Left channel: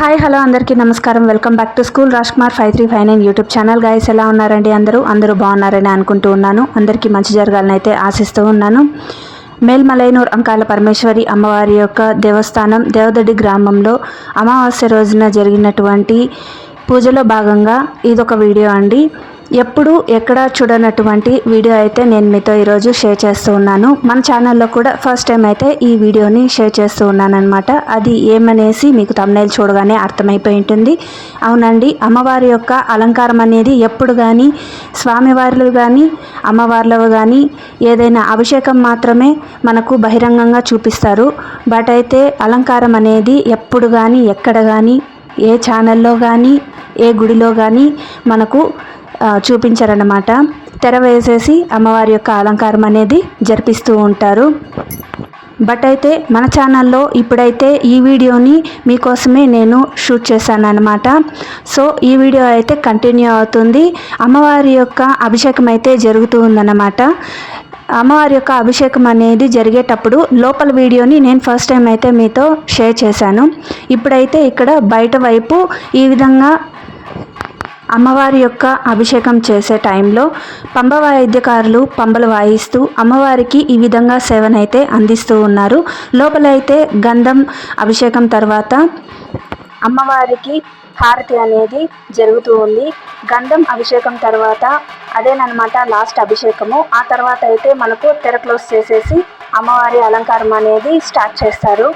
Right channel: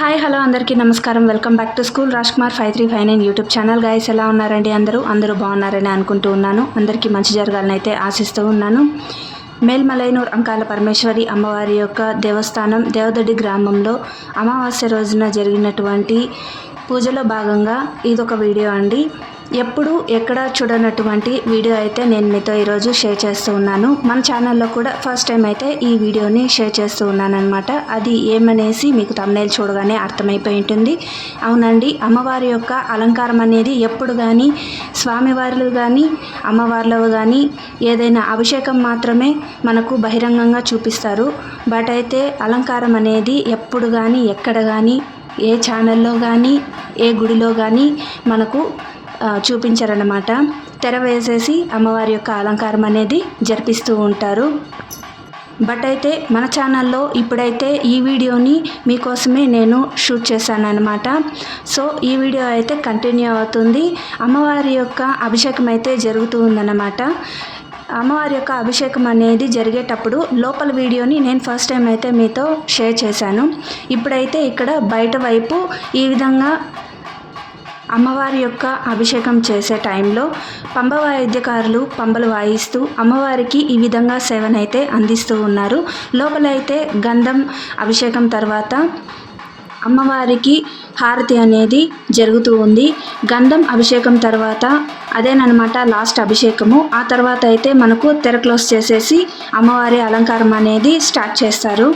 Hi hello అందరికీ నమస్కారం. Welcome back to school Raj Kumar five three five nine YouTube channel guys ఎలా ఉన్నారండి అందరూ? అందరూ బాగున్నారని అనుకుంటూ ఉన్నాను. అందరికీ మంచి జరగాలని అయితే ఆశిస్తూ ఉన్నాను. మేల్మలైనూర్ అంకాల పరమేశ్వరి అమ్మవారి యొక్క దేవస్థానం దేవదడి గ్రామంలో అమావాస్య రోజున జరిగినటువంటి పూజలో భాగంగా ఇదొక వీడియో అండి. ఎప్పుడు ఎక్కడ చూడనటువంటి వీడియో అయితే నేను మీతో ఈరోజు షేర్ చేస్తూ ఉన్నాను. మన ఛానల్లో కూడా ఫస్ట్ టైం అయితే ఈ వీడియోని షేర్ చేస్తూ ఉన్నానమాట అది ఏమనేసి మీకు తమ్నైల్ చూడగానే అర్థమైపోయి ఉంటుంది. అవునండి అమ్మవారి యొక్క అలంకారం అనేది ఎప్పుడు కానీ స్వామివార్లు కానీ అమ్మవార్లు కానీ ఏదైనా అభిషేకం మాత్రమే మనకు బహిరంగంగా చూపిస్తారు. బట్ అయితే అలంకారం అనేది ఎప్పుడు కానీ ఎక్కడ కానీ ఏ ఛానల్లో కానీ ఏ గుడిలో కానీ మనకు చూపించారన్నమాట. తెర వేసేసి అమ్మవారి యొక్క అలంకారం అనేది జరిపిస్తూ ఉంటారు. బట్ అయితే మన ఛానల్లో ఇప్పుడైతే ఈ వీడియోని మీకోసమే నేను షూట్ చేశాను అనమాట సో ఈ వీడియో అయితే కంటిన్యూ అవుతుంది. అమ్మవారి యొక్క అభిషేకం అయితే జరుగుతూ ఉందన్నమాట. అమ్మవారి యొక్క అభిషేకం అనేది జరిగేటప్పుడు లోపల వీడియోని నేను ఫస్ట్ టైం అయితే మీతో షేర్ చేశాను. ఇప్పుడైతే ఇక్కడ బయట వైపు ఈ విధంగా అమ్మవారి యొక్క అభిషేకం చేసే టైంలో పంబ వాయిద్యకారులు పంబలు వాయిస్తూ అమ్మవారికి ఈ విధంగా సేవనైతే అందిస్తూ ఉన్నారు. లోపలైతే గంధం అభిషేకం తర్వాత అమ్మవారికి హారతి అనేది జరుగుతూ ఉంది. గంధం అభిషేకం తర్వాత అదేనమాట లాస్ట్ అభిషేకము. ఆ తర్వాత అయితే మనకు తెర క్లోజ్ చేసేసి అమ్మవారి అలంకారం అనేది స్టార్ట్ చేస్తారు.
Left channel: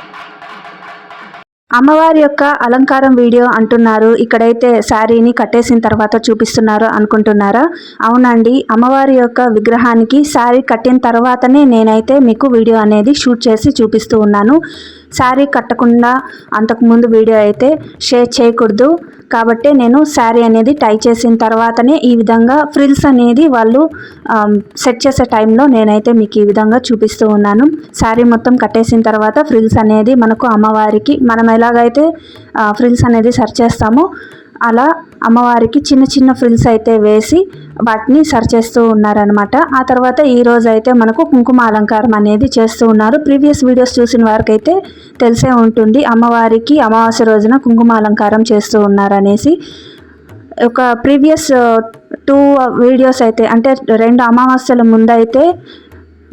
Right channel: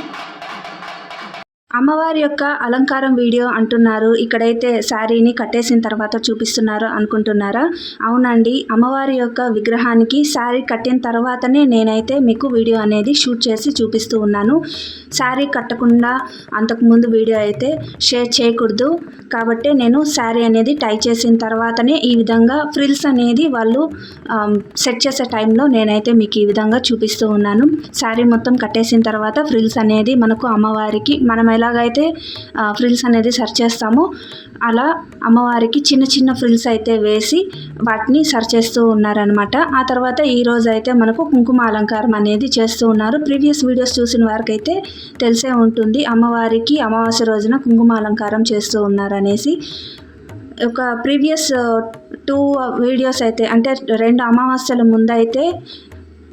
అమ్మవారి యొక్క అలంకారం వీడియో అంటున్నారు. ఇక్కడైతే శారీని కట్టేసిన తర్వాత చూపిస్తున్నారు అనుకుంటున్నారా? అవునండి అమ్మవారి యొక్క విగ్రహానికి శారీ కట్టిన తర్వాతనే నేనైతే మీకు వీడియో అనేది షూట్ చేసి చూపిస్తూ ఉన్నాను. శారీ కట్టకుండా అంతకుముందు వీడియో అయితే షేర్ చేయకూడదు. కాబట్టి నేను శారీ అనేది టై చేసిన తర్వాతనే ఈ విధంగా ఫ్రిల్స్ అనేది వాళ్ళు సెట్ చేసే టైంలో నేనైతే మీకు ఈ విధంగా చూపిస్తూ ఉన్నాను. శారీ మొత్తం కట్టేసిన తర్వాత ఫ్రిల్స్ అనేది మనకు అమ్మవారికి మనం ఎలాగైతే ఫ్రిల్స్ అనేది సెర్చ్ చేస్తామో అలా అమ్మవారికి చిన్న చిన్న ఫ్రిల్స్ అయితే వేసి వాటిని సరిచేస్తూ ఉన్నారనమాట ఆ తర్వాత ఈ రోజు అయితే మనకు కుంకుమ అలంకారం అనేది చేస్తూ ఉన్నారు. ప్రీవియస్ వీడియోస్ చూసిన వారికైతే తెలిసే ఉంటుంది అమ్మవారికి అమావాస్య రోజున కుంకుమ అలంకారం చేస్తూ ఉన్నారనేసి. ఒక ప్రీవియస్ టూ వీడియోస్ అయితే అంటే రెండు అమావాస్యల ముందైతే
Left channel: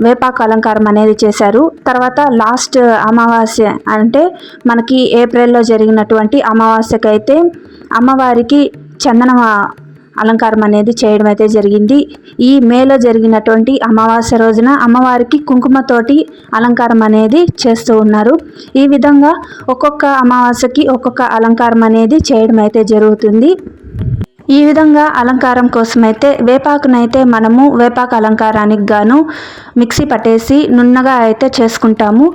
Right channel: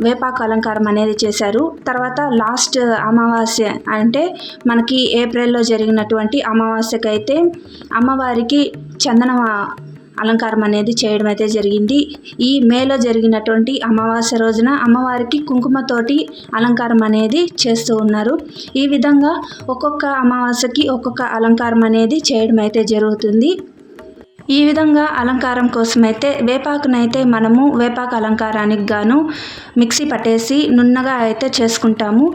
వేపాకు అలంకారం అనేది చేశారు. తర్వాత లాస్ట్ అమావాస్య అంటే మనకి ఏప్రిల్లో జరిగినటువంటి అమావాస్యకైతే అమ్మవారికి చందన అలంకారం అనేది చేయడం అయితే జరిగింది. ఈ మేలో జరిగినటువంటి అమావాస్య రోజున అమ్మవారికి కుంకుమతోటి అలంకారం అనేది చేస్తూ ఉన్నారు. ఈ విధంగా ఒక్కొక్క అమావాస్యకి ఒక్కొక్క అలంకారం అనేది చేయడం అయితే జరుగుతుంది. ఈ విధంగా అలంకారం కోసమైతే వేపాకునైతే మనము వేపాకు అలంకారానికి గాను మిక్సీ పట్టేసి నున్నగా అయితే చేసుకుంటాము.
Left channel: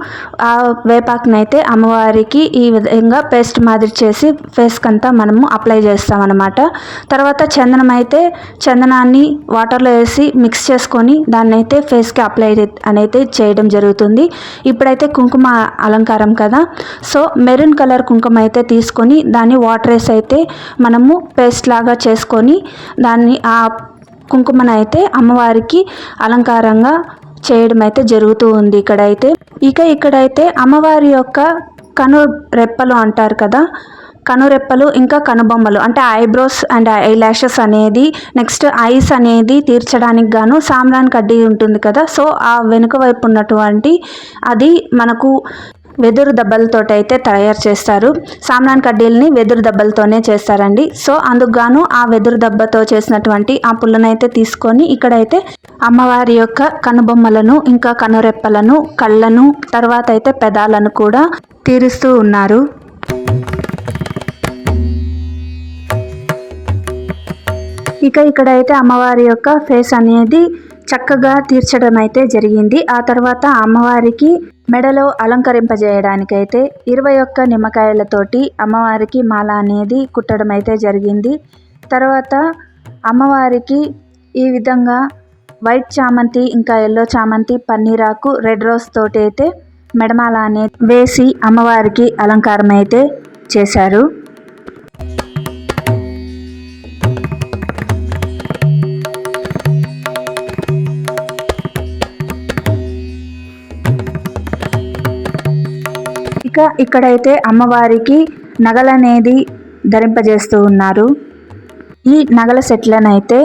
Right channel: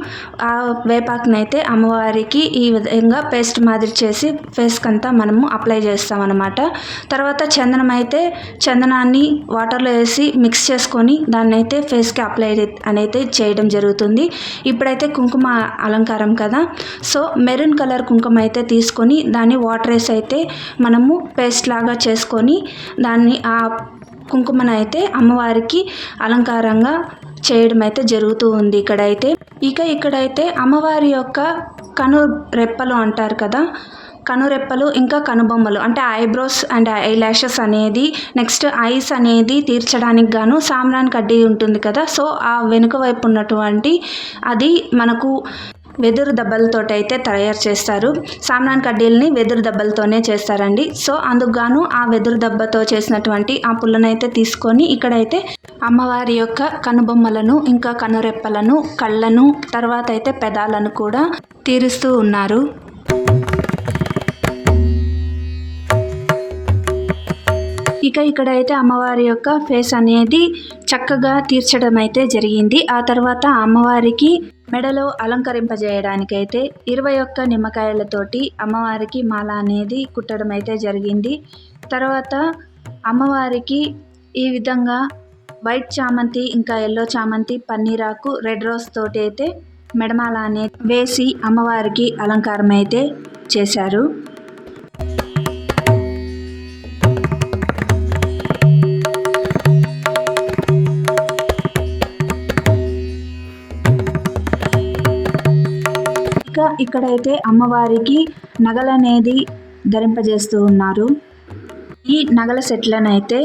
ఆ వేపాకునైతే అమ్మవారికి ఈ విధంగా పేస్ట్ మాదిరి చేసి ఫేస్కి అంతా మనము అప్లై చేస్తామన్నమాట. తర్వాత చందనం అయితే చందనాన్ని వాటర్లో వేసి మిక్స్ చేసుకొని దాన్ని అయితే ఫేస్కి అప్లై అనేది చేయడం జరుగుతుంది. ఇప్పుడైతే కుంకుమ అలంకారం కదా. సో మెరూన్ కలర్ కుంకుమ అయితే తీసుకొని దాన్ని వాటర్ వేసి అయితే మనము పేస్ట్ లాగా చేసుకొని దాన్ని ఆ కుంకుమను అయితే అమ్మవారికి అలంకారంగా చేయడం అయితే జరుగుతూ ఉంది ఇక్కడైతే. ఇక ఇక్కడైతే అమ్మవారి యొక్క కను రెప్పలు అంటారు కదా. కనురెప్పలు ఇంకా కనుబొమ్మలు అంటే ఐబ్రోస్ అండ్ ఐ ల్యాషెస్ అనేది నెక్స్ట్ ఐస్ అనేది తీర్చడానికి గాను సామ్రాన్ కడ్డీ ఉంటుంది కదా. సో ఆ వెనుక వైపు ఉన్నటువంటి అది మనకు వెదురు దెబ్బలతో అయితే తయారు చేస్తారు. సామ్రాన్ కడ్డీల్ని వెదురు దెబ్బలతోనే చేస్తారండి. సో అందుకు గాను ఆ వెదురు దెబ్బతో చేసినటువంటి ఆ పుల్లనైతే తీసుకొని ఇక్కడైతే అమ్మవారి యొక్క కనుబొమ్మలను ఇంకా కనురెప్పలను కళ్ళను తర్వాత అయితే పెదాలను కూడా తీరుస్తూ ఉన్నారు. ఇక ఇక్కడైతే అమ్మవారి యొక్క ఫేస్ అనేది చక్కగా తీర్చడం అయితే జరిగింది. ఆ తర్వాత అమ్మవారికి మెడలో అలంకరింపజేయడానికైతే ఇరవై ఒక్క నిమ్మకాయలతోటి అమ్మవారికి మాల అనేది కుట్టడం అయితే జరిగింది. తర్వాత అమ్మవారికి ఈ విధంగా వైట్ చామంతి ఇంకా ఎల్లో చామంతి పన్నీరాకు రెడ్ రోజ్ తోటి అయితే మెడమాల అనేది వేసి అమ్మవారికి అలంకారం అయితే చేశారు. ఇంకా ఇక్కడైతే అమ్మవారికి నగలనేది ధరింపజేస్తూ ఉన్నారు. ఈ నగల సెట్లనైతే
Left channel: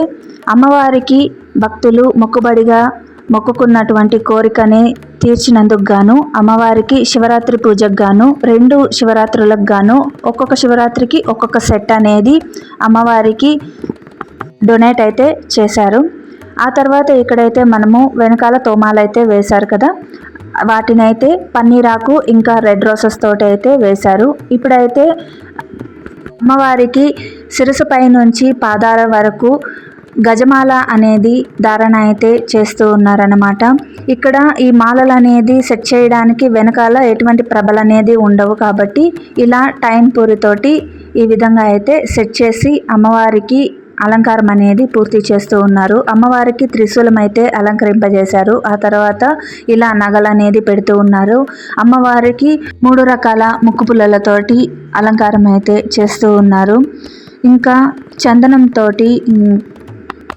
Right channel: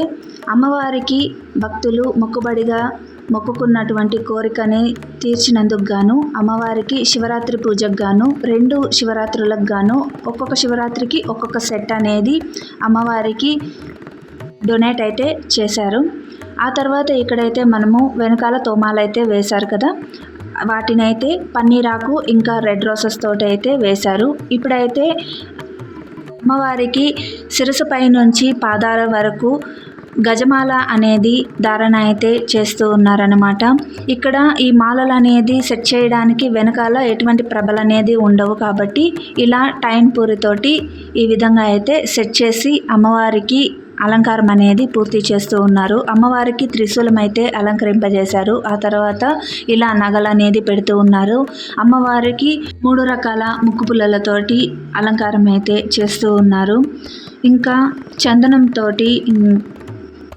అమ్మవారికి భక్తులు మొక్కుబడిగా మొక్కుకున్నటువంటి కోరికని తీర్చినందుకు గాను అమ్మవారికి శివరాత్రి పూజకు గాను రెండు శివరాత్రులకు గాను ఒక్కొక్క శివరాత్రికి ఒక్కొక్క సెట్ అనేది అమ్మవారికి డొనేట్ అయితే చేశారు. ఆ తర్వాత ఇక్కడైతే మనము వెనకాల తోమాలైతే వేశారు కదా వాటినైతే పన్నీరాకు ఇంకా రెడ్ రోసెస్ తోటి అయితే వేశారు. ఇప్పుడైతే అమ్మవారికి శిరసుపై నుంచి పాదాల వరకు గజమాల అనేది ధారణ అయితే చేస్తూ ఉన్నారనమాట ఇక్కడ ఈ మాలలు అనేది సెట్ చేయడానికి వెనకాల ఎటువంటి ప్రభలు అనేది ఉండవు కాబట్టి ఇలా టైం పూరితోటి ఈ విధంగా అయితే సెట్ చేసి అమ్మవారికి అలంకారం అనేది పూర్తి చేస్తూ ఉన్నారు. అమ్మవారికి త్రిశూలం అయితే అలంకరింపజేశారు. ఆ తర్వాత ఇలా నగలు అనేది పెడుతూ ఉన్నారు. అమ్మవారికి మూడు రకాల ముక్కు పుల్లలతోటి అలంకారం అయితే చేస్తూ ఉన్నారు. ఇంకా చందనంతో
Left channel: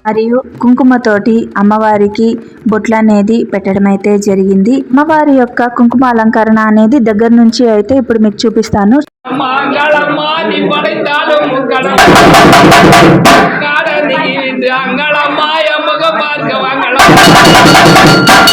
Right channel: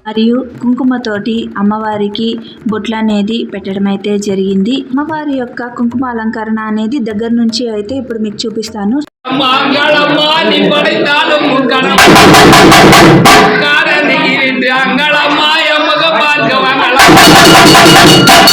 మరియు కుంకుమతోటి అమ్మవారికి బొట్లు అనేది పెట్టడం అయితే జరిగింది. అమ్మవారి యొక్క కుంకుమ అలంకరణ అనేది దగ్గర నుంచి అయితే ఇప్పుడు మీకు చూపిస్తాను. Thank you.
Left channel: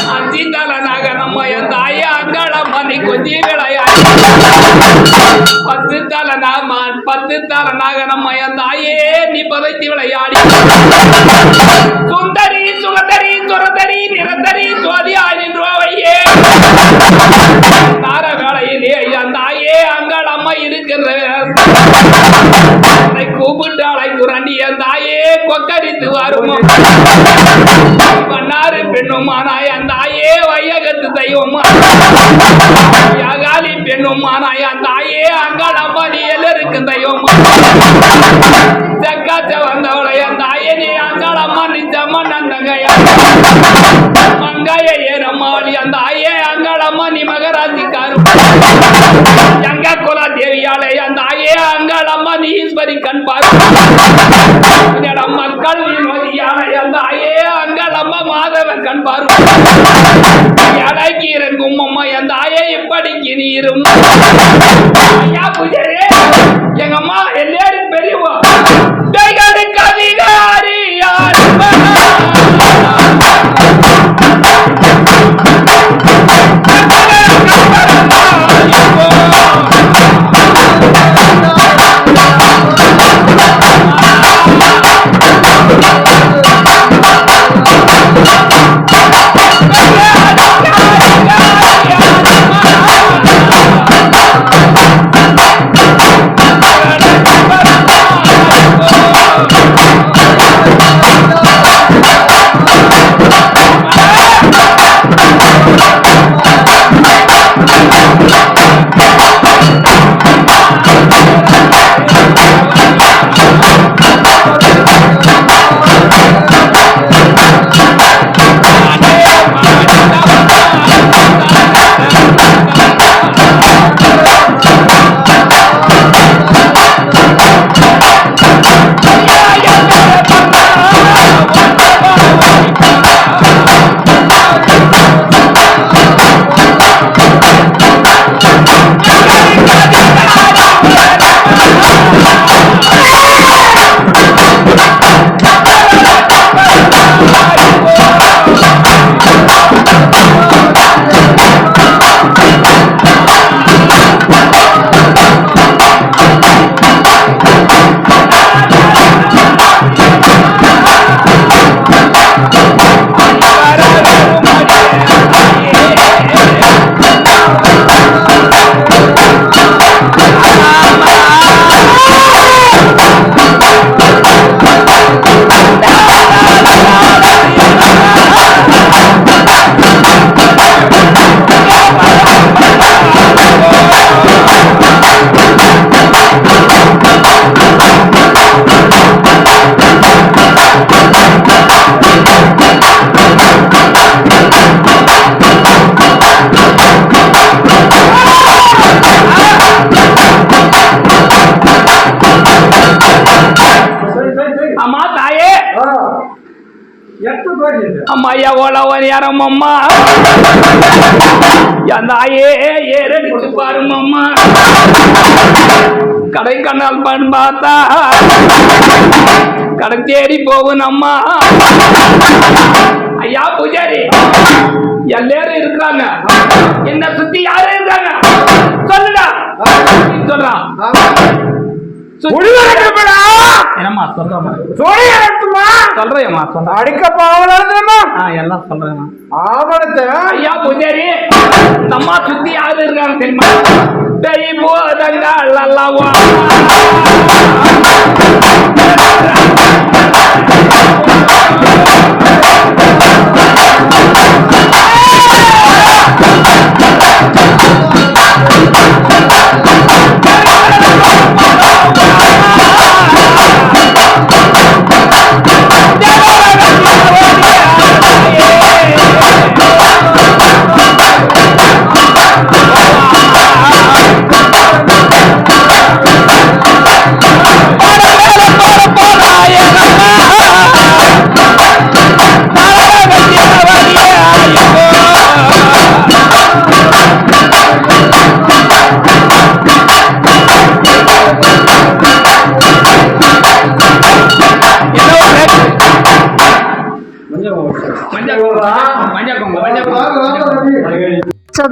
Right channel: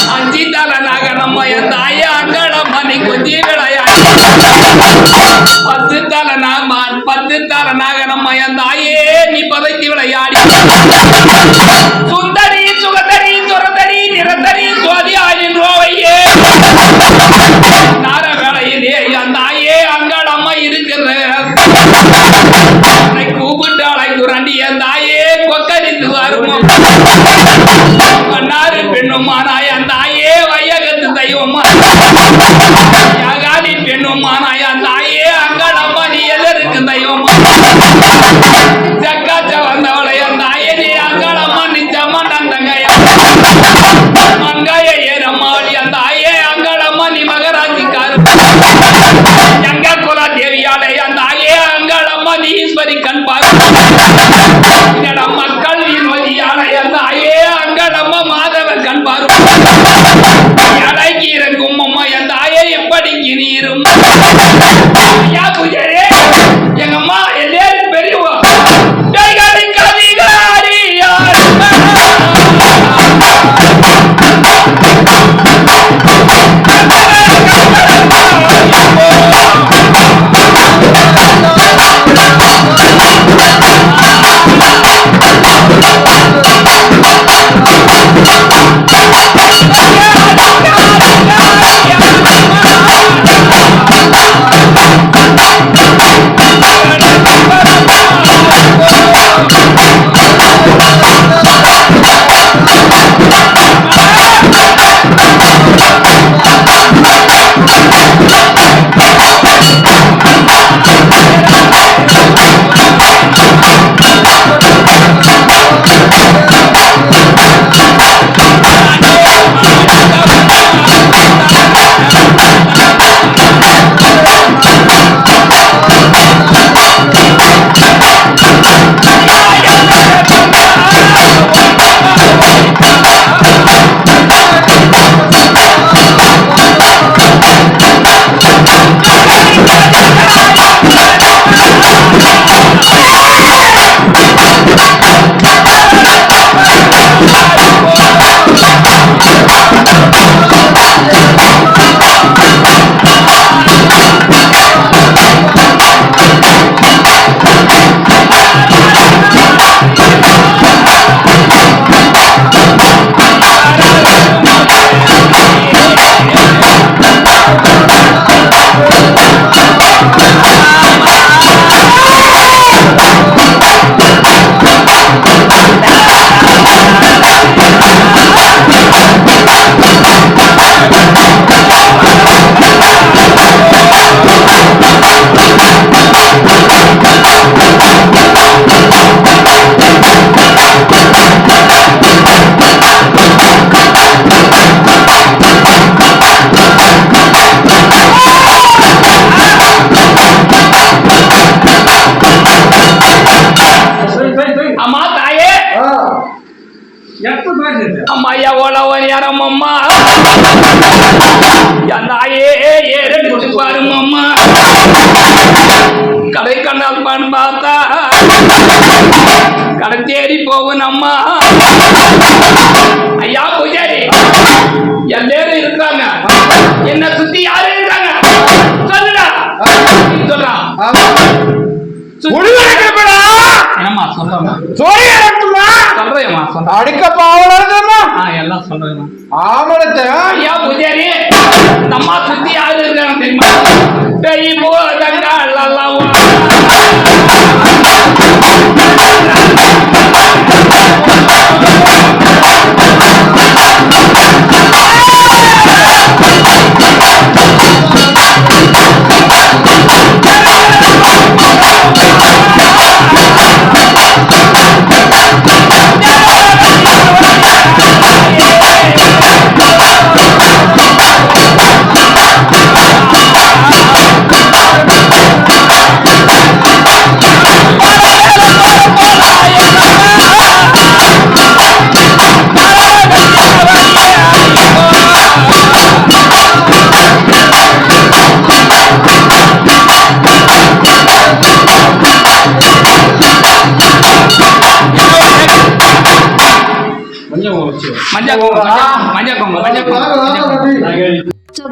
கடத்தேறி போகணும்மா ஐயா பூஜாரி. எல்லாரும் இருக்கிறாங்க. என்ன சுத்தி யாரு இருக்காங்க? சொல்லுடா. சொல்றான் என்னம்மா சொல்றேன் சொல்றேம்மா சொல்றேன் அடிக்க எல்லாம் சொல்றேன் ஆமணத்தை ஐயா பூஜாரி. இந்த அம்மா சுத்தி யாரு இருக்காங்க தெரியுமா? பெரிய போதங்கா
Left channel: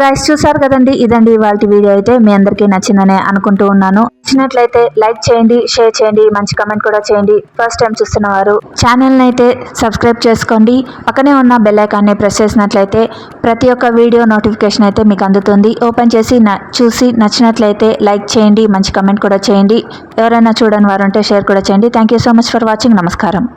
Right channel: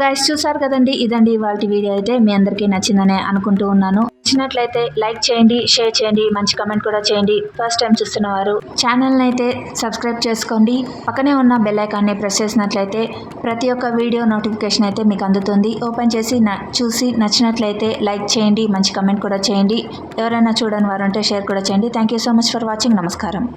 గాయస్ చూసారు కదండి? ఇదండి ఇవాళ వీడియో అయితే మీ అందరికీ నచ్చిందని అనుకుంటూ ఉన్నాను. నచ్చినట్లయితే లైక్ చేయండి షేర్ చేయండి మంచి కమెంట్ కూడా చేయండి. ఫస్ట్ టైం చూస్తున్న వారు ఛానల్ని అయితే సబ్స్క్రైబ్ చేసుకోండి. పక్కనే ఉన్న బెల్ ఐకాన్ని ప్రెస్ చేసినట్లయితే ప్రతి ఒక్క వీడియో నోటిఫికేషన్ అయితే మీకు అందుతుంది. ఓపెన్ చేసి న- చూసి నచ్చినట్లయితే లైక్ చేయండి మంచి కమెంట్ కూడా చేయండి. ఎవరైనా చూడని వారు ఉంటే షేర్ కూడా చేయండి. Thank you so much for watching నమస్కారం.